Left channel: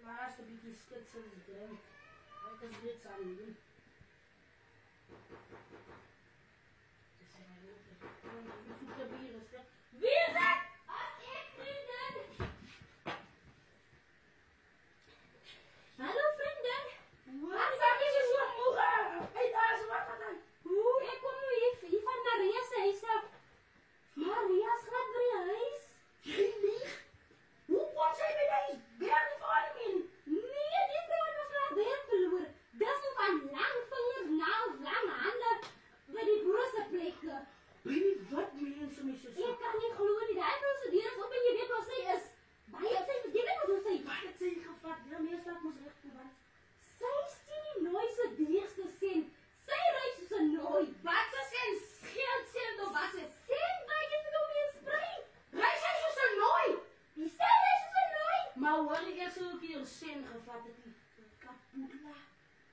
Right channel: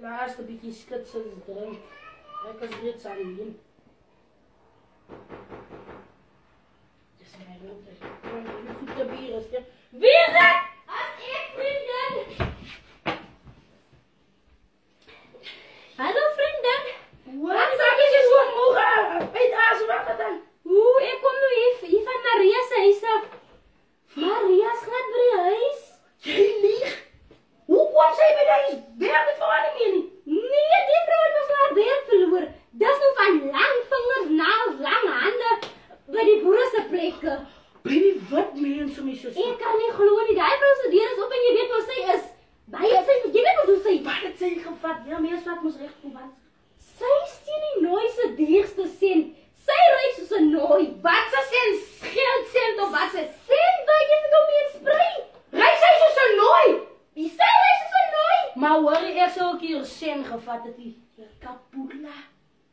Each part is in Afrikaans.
Laatste beetje skitsen drink. Ek is reeds alleen. Dis my rote. Die voete bier is dit. Wie is dit? As ek, vriendin. Hallo, vriendin. Wat is jy so moeg? Uit asem wat dan? Hoe, ek kom nou hier van Maria se huis af. Maria's glad by die huis. Jy lieg. Hoe kom sy by die huis? Werk die vrou nie meer nie. Nee, die vrou het mos haar werk verloor. Dis nou van lang vingers, naels, lang hande by die boere se plekke. Baby, wat mense my so. Ek kan nie glo nie. Daai vrou se deur is op en jy weet waar sy is. Baie sy, jy weet mos hoe sy. Wat het sy gevat? Ja, mees wat mos reg kom wat. Sy steen die nooi se duurste sent. Sy ry soos 'n nooi. Wat se sent? Geld sent of wat se? Sent wat jy vir hom mee sprei. Ry sy soos 'n nooi. Wie sy ry soos 'n nooi? Maar hoor jy eers ook hier sen gevat het die kapula.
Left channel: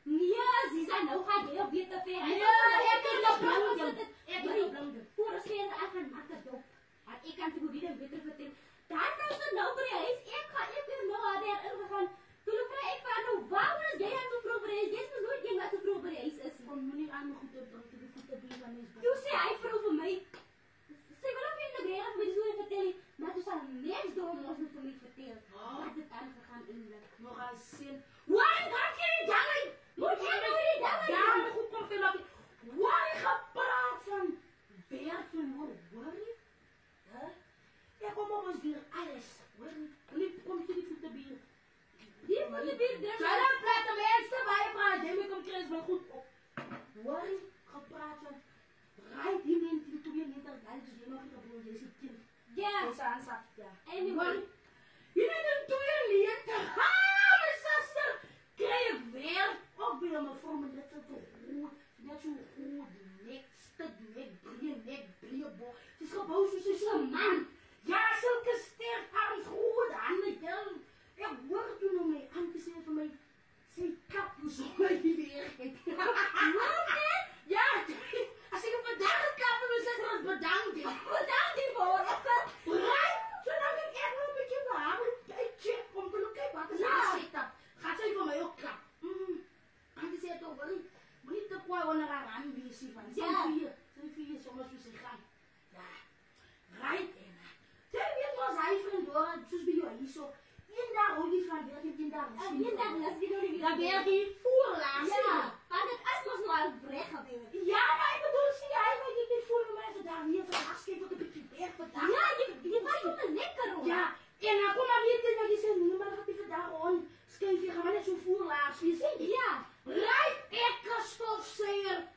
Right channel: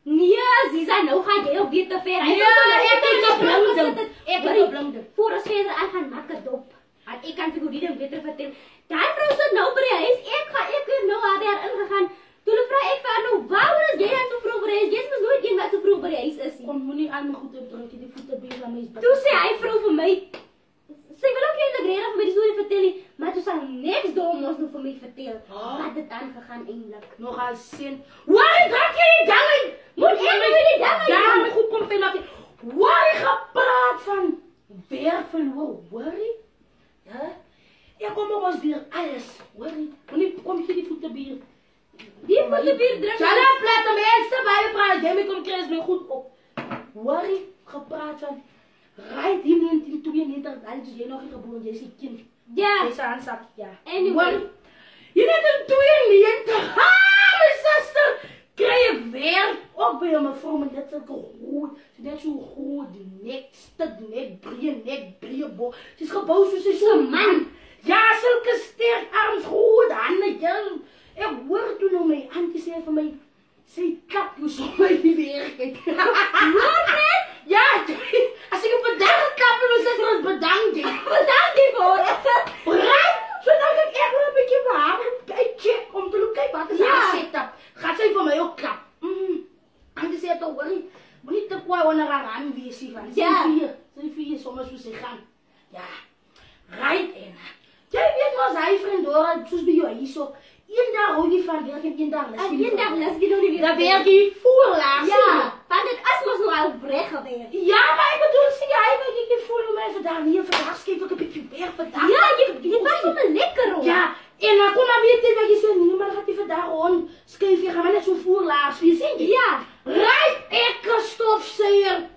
Nee, Ziza, nou gaan jy ook weer te ver. Ja, ek het geblinde. Ek het geblinde. Voor ons verder aan gaan maak het dop. En ek kan vir jou die ding beter vertel. Daai vrou sit nou by die huis. Ek het nou haar daar ingegaan. Toe vra ek vir haar nou, waarom is jy dan so vroeg by die huis? Jy's mos nooit een wat so vroeg by die huis is nie. Kom moenie aan my goed opdrink, die voete been van mens. Toe sê hy vrou vir my, sy wil ook eintlik regtig vir my die storie vertel nie, maar toe sal niks dom ons nou vir my vertel. Wat het aangegaan eintlik? Nog al sien. Waar dink jy die ding? Moet ek nou die ding? Ja, my goed kom vir my. Waar jy gepraat van werk verloor, worry? Ja? Ek kom op ons weer alles, worry. Moenie kom hier die voete bier. Die voete bier drink. Sal nou plat om eerste baie praat, jy moet kom kry my goed op. Worry, gepraat van right in 1992, dan is jy nog nie gebore, jy is 'n kind. Ja. Jy se aansak, ja. Anyway. Jy net in 92. Ha, my suster. Kry ek weer ook by my vrou met dit sulke groot. Sy net so groot, nek, stuk nek, breë bo. Sy's gebou soos 'n so man. Ja, sulke sterk arms, groot hande, jong. Ek hoor toe nou my auntie sê vir my, sy klap jou so my werk uit. Wat net? Ja, as ek op 'n dag geklap het, was dit bedank jy. Bedank jy vir. Right? So nou kan ek wel 'n bietjie vir haar check om te kyk wat is haar setup. Gaan sy vir my ook klap? En dis het ook wel moenie te kwaai onder haar aan wees nie van. Sy vier sommer soos sy gaan. Ja. Right en. Jy weet mos hy vriend hoor, soos by jou hierso. Eendag hou jy van werk en eendag lus. En eendag lus jy nou nie weer. Dan werk jy voorlaas. Ja, want dit is mos nou al reg gewees. Ja, maar ek bedoel sê jy weet ek voel hoe my vandag nie vandag skep ek 'n bietjie werk vandag. Ja, jy was sommer lekker hoor. Ja, en dan kom maar weet jy wat jy sê, nee, maar gaat jy vandag on skuif jy gaan maar net so voorlaas wees, sê jy? Ja. Right, ek stofsuier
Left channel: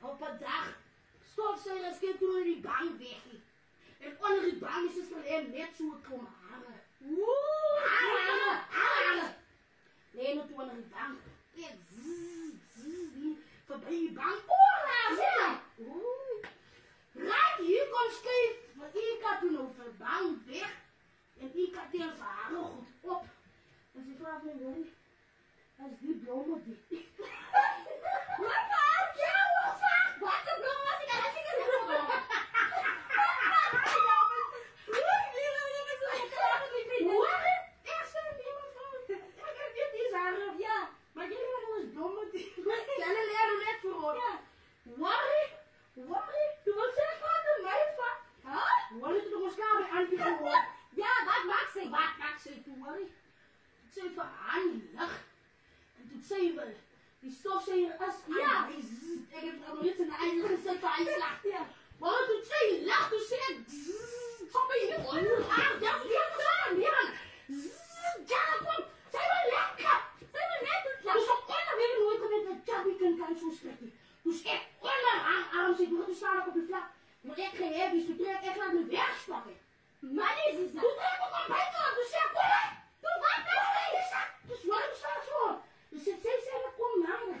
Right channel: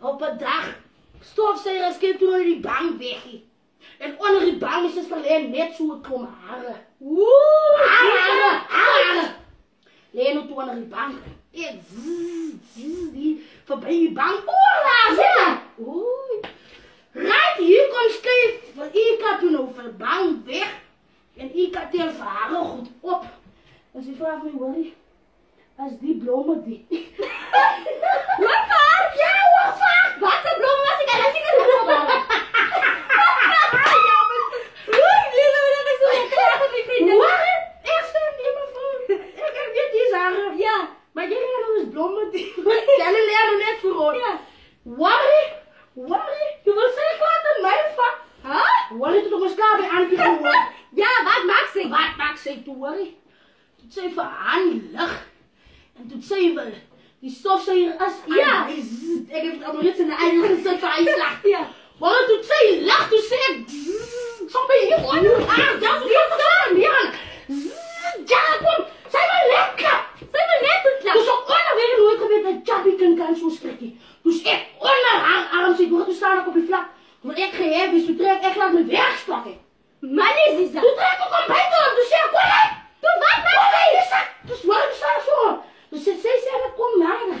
op 'n dag. Stofsuier skep toe die bank weg. En onder die bank is dit alleen net so 'n klomp hare. Hare. Lê nou toe onder die bank. Ek die verby die bank voorlaas. Ja. Right, hier kom skuif, want ek het toe nou vir bank weg. En ek het tel vir hare goed op. En sy vraag my, worry, as die blomme die. Wat waar? Ja, wat waar? Wat 'n blom was ek al sien as 'n blom. Ja, maar ja, maar jy leer nou eens blomme die. Jy leer nou net voor. Ja. Worry, jy wil sê kwaad in my vak. Worry, toe ons klaar by Antie gehoor. Ja, wat maak sy? Wat maak sy toe, worry? Toe sy vir aan lig. En toe sy wil, die stofsuier is aan. Ja. Ek het al net in 'n eie gesit vir hy slag. Ja. Worry, toe sy lig, toe sê ek, so by hier hoor. Ja, ja, kom, sy wil lekker. Sy wil net klap. Dus op onder weet ik nooit geweest dat Chubby kan zo schrikken. Dus ik onder haar arm zit, toen staan ik op die vlak. Toen ik geheven is, toen trek ik laat mijn werk spakken. Man is dit? Toen trek ik om bij door, dus ik kom hè. Toen wat maak sy? Dus waarom staat zo? Dus zij zei, kom naar.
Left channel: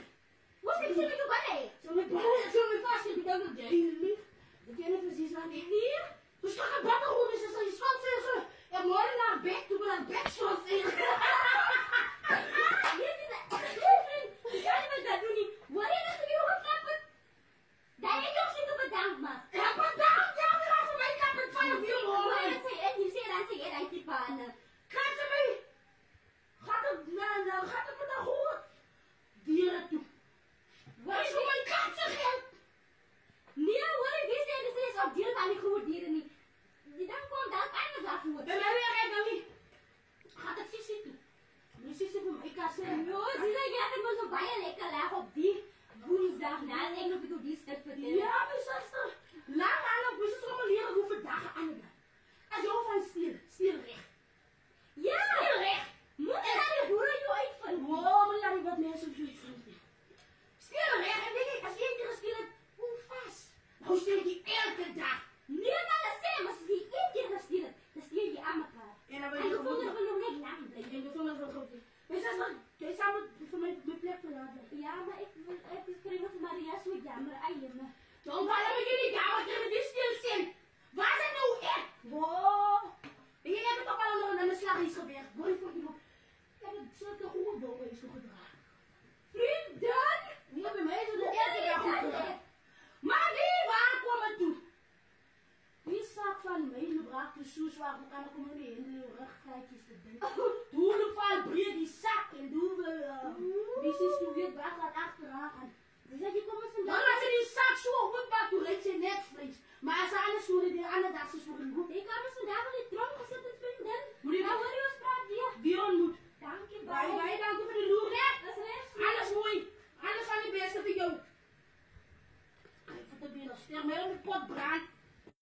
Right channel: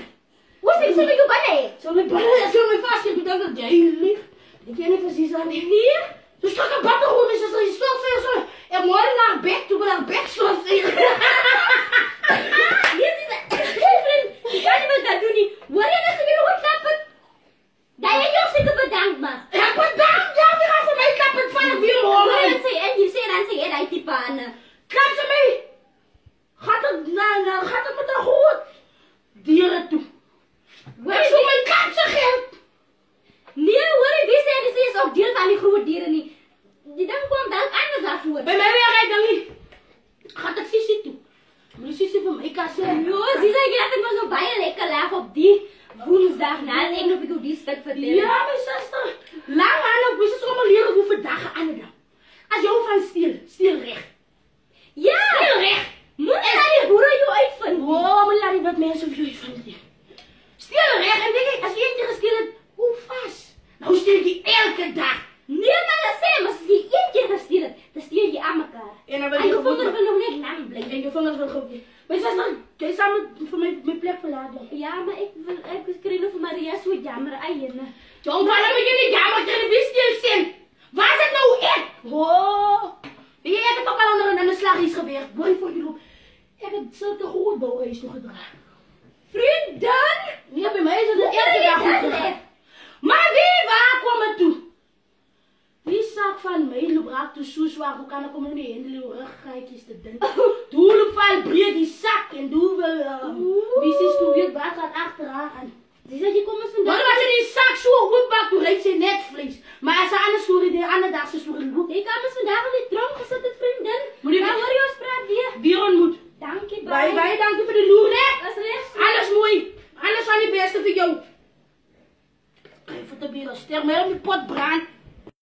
Hoe sê sy met jou binne? Zo mijn binnen, zo mijn vast, ik bedank dat jij lief. Ik ken niet precies aan die hier. Dus ik ga batten gewoon, is er die stofzuiger zo. En morgen naar bed, toen we naar bed stofzuiger. Ik kan nie wat dat doen nie. Hoor jy dat sy weer opklap het? Dat jy jou seker bedank maar. Ja, bedankt, ja, die gaan vir my klap het van die wiel hoor. Hoor jy sê, en jy sê dan sê jy daai tipe aan. Klap ze mee. Gaat het gaat het met haar goed. Dieren toe. Wat is mijn kapse geld? Nee, hoor, wie zei dat ze is ook deel van die grote dieren niet. Die dan komt dan anders daarvoor. Bij mij weer rijdt dan niet. Gaat het Sissi toe. Maar die Sissi van mij kan zeggen. Jo, zie je, ik had me zo bijna lekker laag op die woensdag na. Ik nog ik die stuk vertellen. Ja, mijn zuster. Lang aan ook. We zijn allemaal leren hoeveel dagen aan de dag. Als jou van stil recht. Ja! Stil recht. Moet je naar die boeren jou uitvinden? Oh, maar laat die wat mensen van jullie vinden. Stil recht. En denk ik, als je één keer gestild hebt, hoe vast? Nou stil je elke dag. Nee, maar dat zijn, maar als je één keer gestild hebt, dan stuur je aan elkaar. En dan En je vingers wil nog net lang blijven. En je vingers wil goed. Maar zuster, jij samen voor mijn plek verlaten. Ja, maar ik kreeg nog van Maria zo jammer eieren. John, waarom moet je niet jammer krijgen? Wie stil zijn? Waar zit nou ik? Oh. Je hebt het ook al aan de slag is gewerkt. Mooi voor je loop. Ik heb zulke goede bouwreis toegedragen. Vrienden! Ja, bij mij is het elke dag goed gegaan. Maar wie waar kwam het toe? Die zak van mij loop raak te zo zwaar. Hoe kan ik om niet in de rugrijkjes te denken? Doe loop van breed die zak en doe wel. Wie is toen weer waar gaat achteraan? Ze zei, je komt eens vandaag. Maar als je die zak zo goed bakt, toen reed ze netvlees. Maar als ze anders story, de andere dag ze story goed. Ik kan eens vandaag al die tronk gezet, vrienden. Moet je nou hoor je ons praat weer. Weer ontmoet. Dank je, Bye, dank je voor de loer, hè? Dat is rechts. Alles mooi. Alles van het beste voor jou. Even te bieren ster, maar op je pot brand.